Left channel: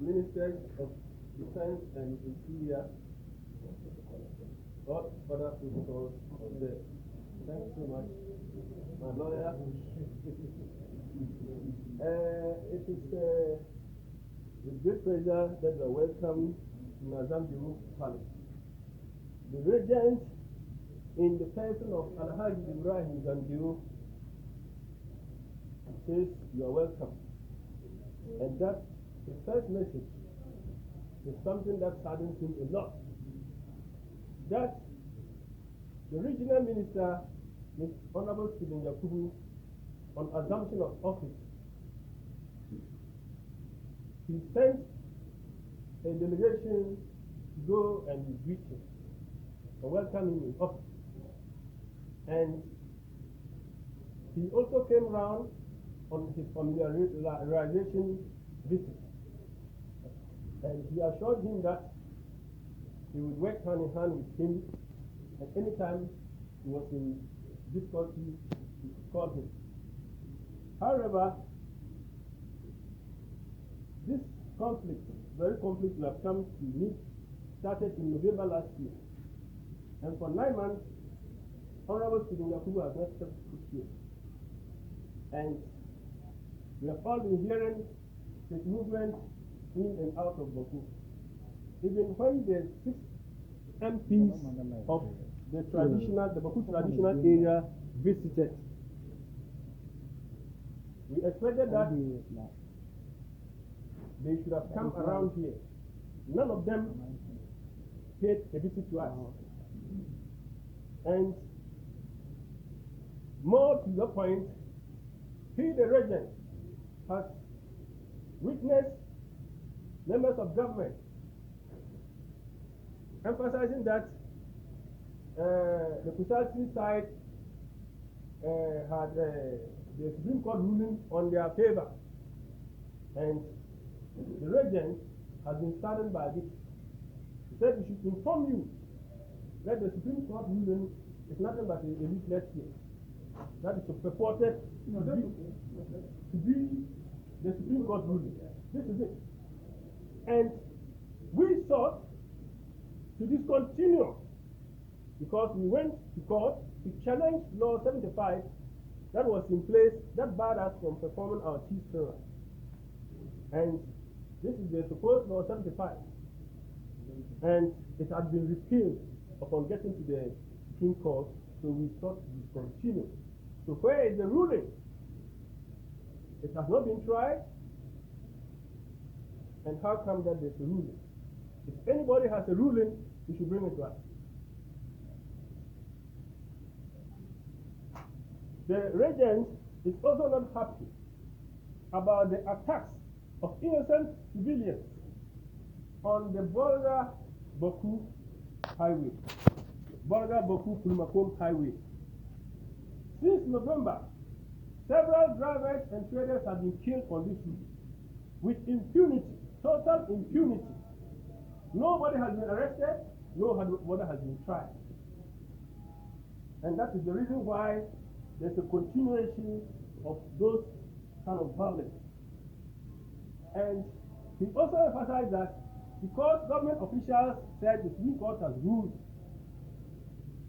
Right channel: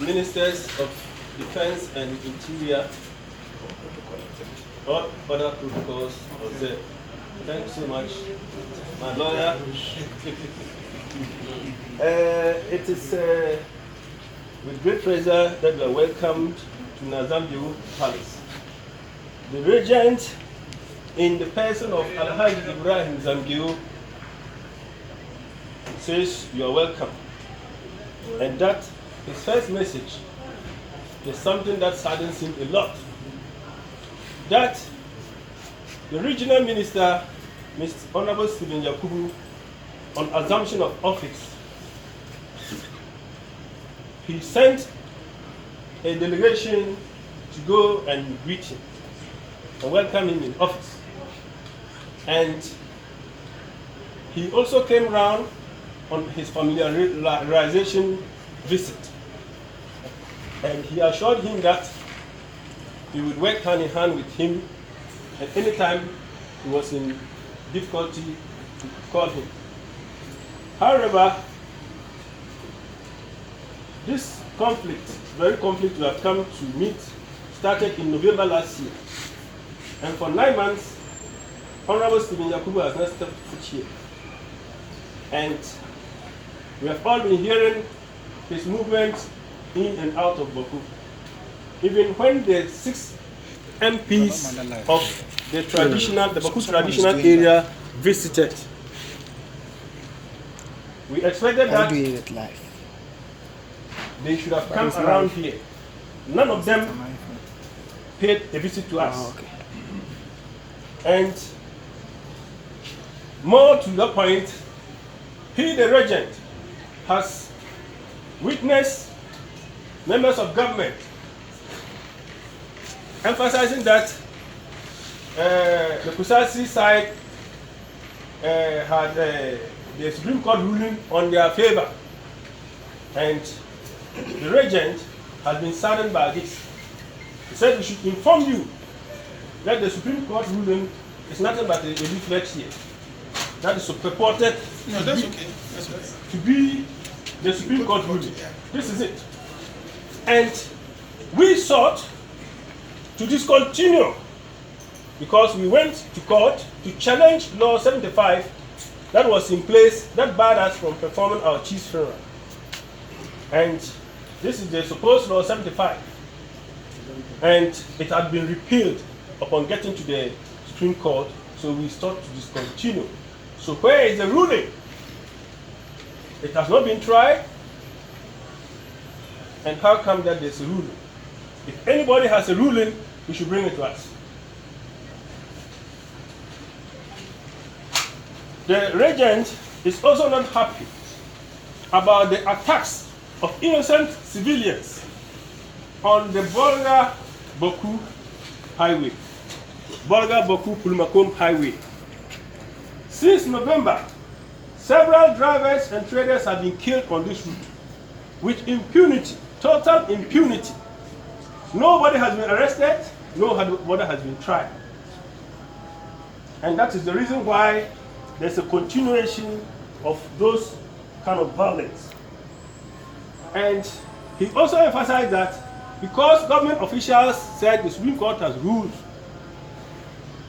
Ministers of Defense and Interior, all other protocols observed. Thank you so much, my lawyer. It is with great pleasure that we are welcomed to Zangbeo Palace. The Regent, in the person of Alhaji Ibrahim Zangbeo, says you are welcome. And that his first message is something that saddens him a lot. That the regional minister, Mr. Honorable Stephen Yakubu, on assumption of office, he sent a delegation to go and greet him and welcome him in office. And he also came round on his familiarization visit. And he assured him that he would work hand in hand with him, and anytime he was in difficulty, to call him. However, this conflict, very conflict we have come to meet, started in November last year. And for 9 months, Honorable Stephen Yakubu has not stepped foot here. And we have all been hearing his movements in and out of Bawku. Even when the 6 MPs of the Bawku traditional area visited, we expected that they should have come around here. None of them paid a visit to us. And more to the point, he, the Regent, has witnessed members of government emphasizing that the Kusasi side had the Supreme Court ruling on their favor. And the Regent has been saddened by this. He said we should inform you that the Supreme Court ruling is nothing but a leaflet here. That is purported to be the Supreme Court ruling. This is it. And we sought to discontinue because we went to court to challenge Law 75 that was in place that barred us from performing our chief's funeral. And this is the supposed Law 75. And it had been repealed upon getting to the Supreme Court, so we sought to discontinue. So where is the ruling? It has not been tried. And how come that there's a ruling? If anybody has a ruling, we should bring it to us. The Regent is also not happy about the attacks of innocent civilians on the Bolga-Bawku highway, Bolga-Bawku-Pulmakom highway. Since November, several drivers and traders have been killed on this route with impunity, total impunity. Nobody has been arrested, nobody has been tried. And that is the reason why there's a continuation of those kind of violence. And he also emphasized that because government officials said the Supreme Court has ruled,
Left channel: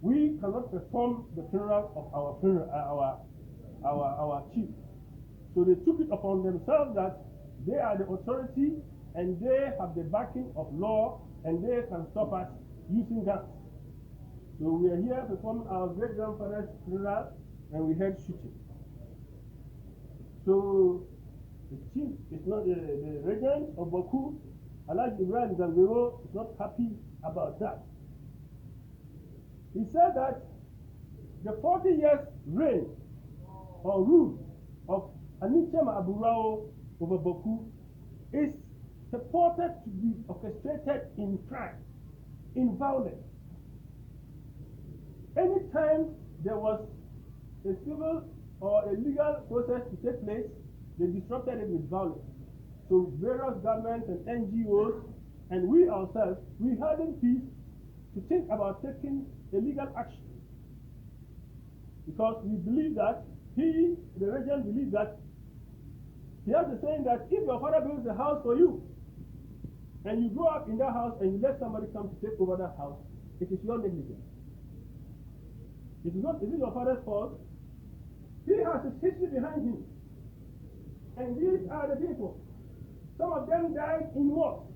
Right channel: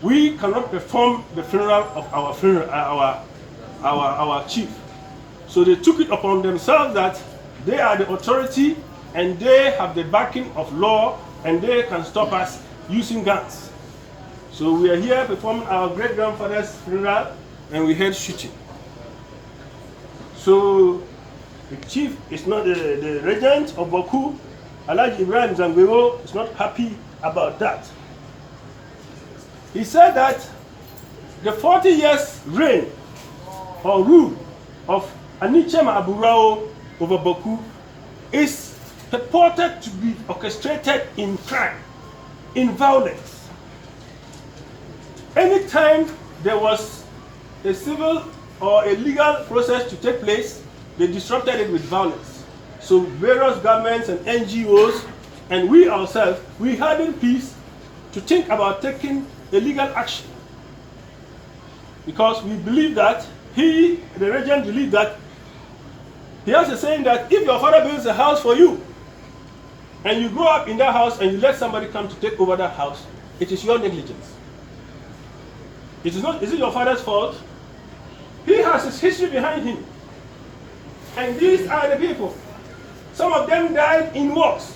we cannot perform the funeral of our chief. So they took it upon themselves that they are the authority and they have the backing of law and they can stop us using guns. So we are here performing our great-grandfather's funeral and we heard shooting. So the chief is not the Regent of Bawku, Alhaji Ibrahim Zangbeo, is not happy about that. He said that the 40 years reign or rule of Anichema Aburao over Bawku is purported to be orchestrated in crime, in violence. Anytime there was a civil or a legal process to take place, they disrupted it with violence. So various governments and NGOs and we ourselves, we had in peace to think about taking a legal action. Because we believe that the Regent, believed that he has a saying that if your father builds a house for you, and you grow up in that house and you let somebody come to take over that house, it is your negligence. It is not, is it your father's fault? He has his history behind him. And these are the people. Some of them died in wars.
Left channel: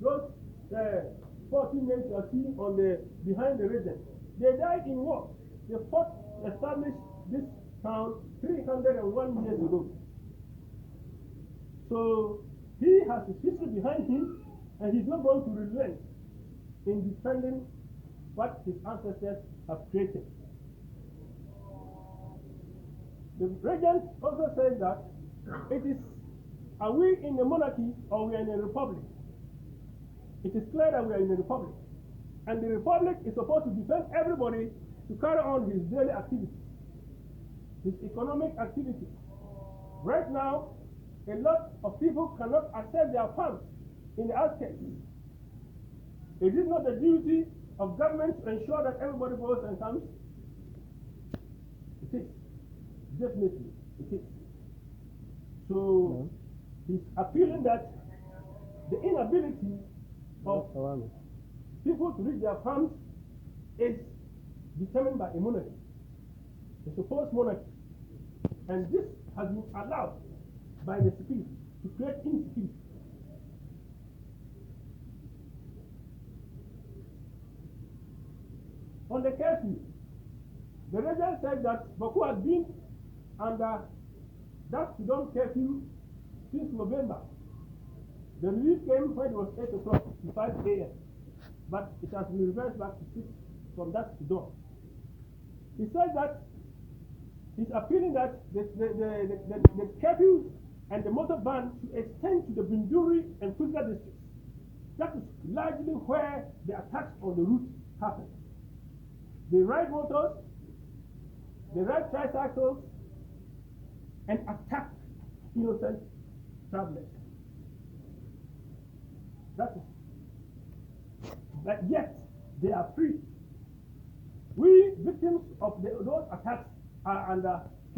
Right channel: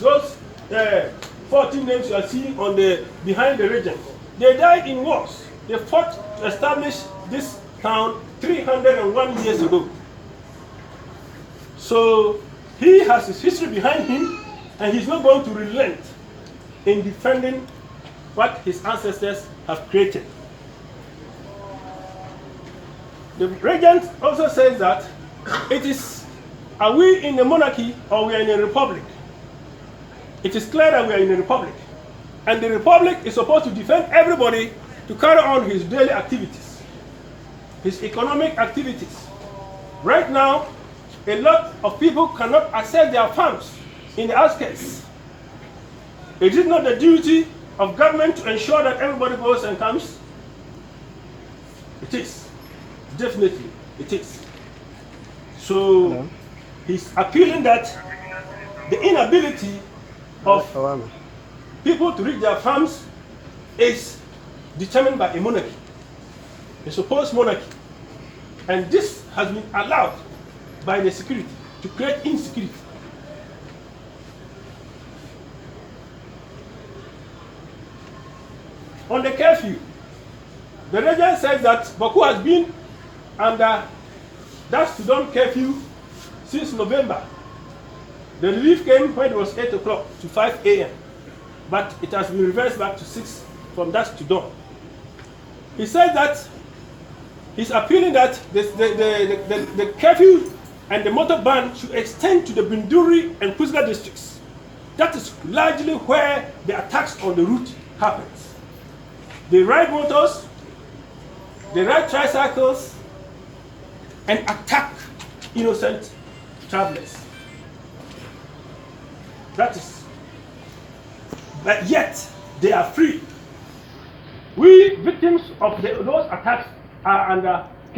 Those 14 names you are seeing on the behind the Regent, they died in wars. They fought to establish this town 301 years ago. So he has his history behind him, and he's not going to relent in defending what his ancestors have created. The Regent also says that it is, are we in a monarchy or we are in a republic? It is clear that we are in a republic. And the republic is supposed to defend everybody to carry on his daily activities, his economic activities. Right now, a lot of people cannot access their farms in the outskirts. It is not the duty of government to ensure that everybody goes and comes. It is. Definitely, it is. So, he's appealing that the inability of people to reach their farms is determined by a monarchy, a supposed monarchy. And this has been allowed by the security to create insecurity. On the curfew, the Regent says that Bawku has been under that Sudan curfew since November. The relief came when it was 8 o'clock to 5 a.m. But it has been reversed back to 6 from dusk to dawn. He said that he's appealing that the curfew and the motor ban should extend to the Binduri and Kuzga districts. That is largely where the attacks on the route happens. They ride motors, they ride tricycles, and attack innocent travelers. That is. But yet, they are free. We, victims of those attacks, are under